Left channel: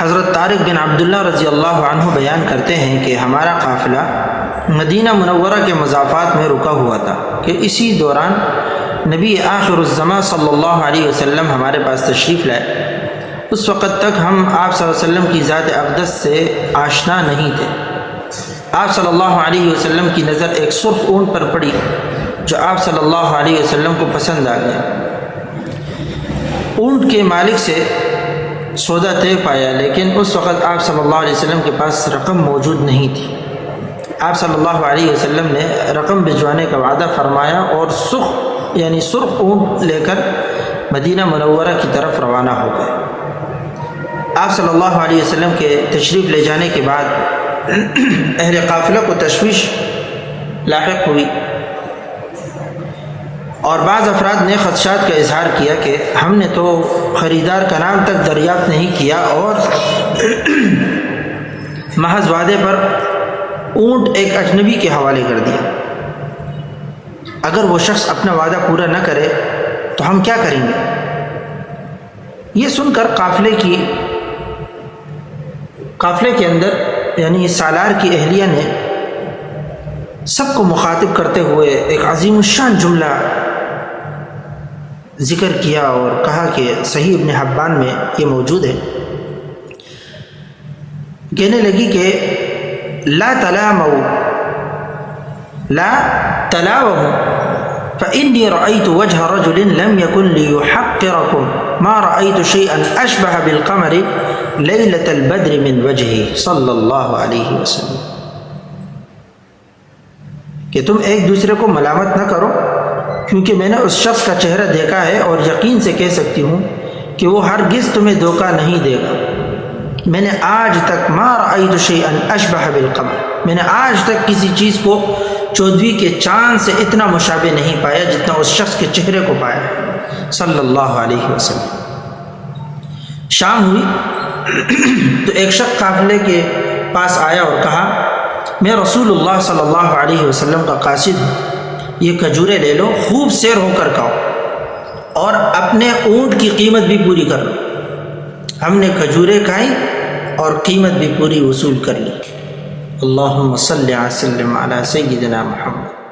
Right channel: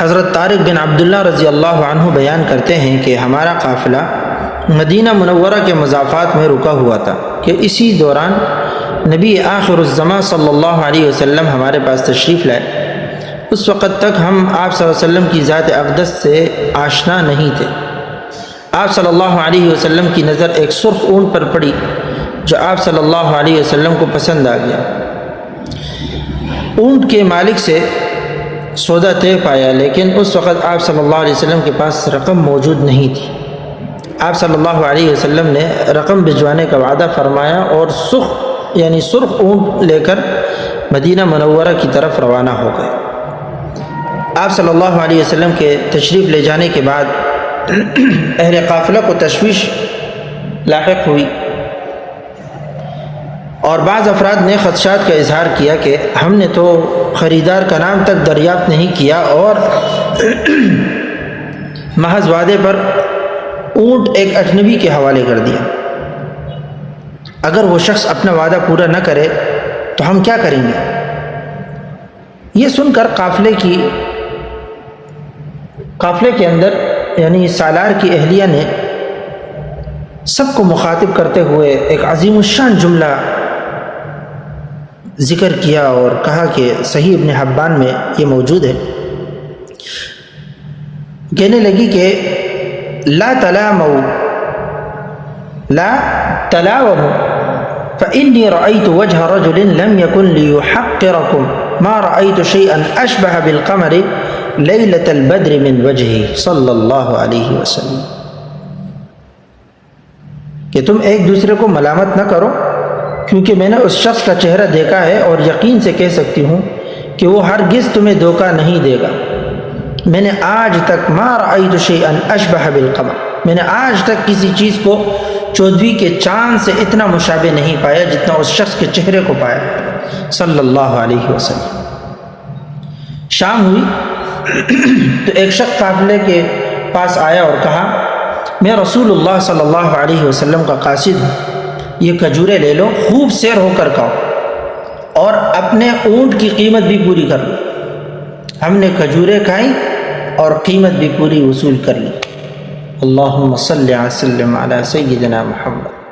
حضرت طارق بن عبداللہ رضی اللہ عنہ بیان کرتے ہیں کہ ہمارا قافلہ مدینہ منورہ کے مضافات میں رکا ہوا تھا کہ اسی دوران نبی آخر الزماں صلی اللہ علیہ وسلم ہمارے پاس تشریف لائے۔ اس وقت تک ہم آپ صلی اللہ علیہ وسلم کی ذات اقدس سے آشنا نہیں تھے۔ آپ صلی اللہ علیہ وسلم کی نظر ایک سرخ اونٹ پر پڑی جو آپ صلی اللہ علیہ وسلم کو پسند آ گیا۔ اونٹ کے مالک سے سودا طے پایا، لیکن اس وقت آپ صلی اللہ علیہ وسلم کے پاس رقم موجود نہیں تھی۔ آپ صلی اللہ علیہ وسلم نے رقم بھجوانے کا وعدہ فرمایا اور سرخ اونٹ لے کر مدینہ منورہ کی طرف روانہ ہو گئے۔ آپ صلی اللہ علیہ وسلم کے تشریف لے جانے کے بعد اہل قافلہ کو تشویش لاحق ہوئی اور بعض افراد نے خدشات کا اظہار کیا کہ ہم نے تو خریدار کا نام تک دریافت نہیں کیا اور محض وعدے پر اونٹ ایک اجنبی کے حوالے کر دیا۔ اگر وہ شخص اپنا وعدہ پورا نہ کرے تو ہم کیا کریں گے؟ یہ سن کر قافلے کے اندر یعنی سالار کی اہلیہ نے سب کو مخاطب کرتے ہوئے ایک عظیم الشان جملہ ذکر کیا اور کہا کہ صحیح ابن حبان میں یہ موجود ہے۔ کہنے لگی کہ لا تلاوموا فإني رأيت وجه رجل لم يكن ليحقركم ما رأيت شيئا أشبه بالقمر ليلة البدر من وجهه صلی اللہ علیہ وسلم۔ کہ تم ایک دوسرے کو ملامت نہ کرو، کیونکہ میں نے اس شخص کا چہرہ دیکھا ہے اور یقین سے کہہ سکتی ہوں کہ وہ ہرگز تمہیں دھوکہ نہیں دے گا۔ میں نے آج تک ما رأیت شیئا اشبہ بالقمر، میں نے آج تک کسی چیز کو 14ویں کے چاند سے اتنا مشابہ نہیں پایا جتنا اس شخص کے چہرے کو پایا صلی اللہ علیہ وسلم۔ شام ہوئی تو ایک شخص قافلے کے پاس آیا اور کہا میں رسول اللہ صلی اللہ علیہ وسلم کا قاصد ہوں، یہ کھجوریں لے لو، خوب سیر ہو کر کھاؤ اور اپنے اونٹ کی قیمت بھی پوری کر لو۔ ہم نے کھجوریں کھائیں اور قیمت بھی پوری وصول کر لی۔ اللہم صلی وسلم علی سیدنا محمد۔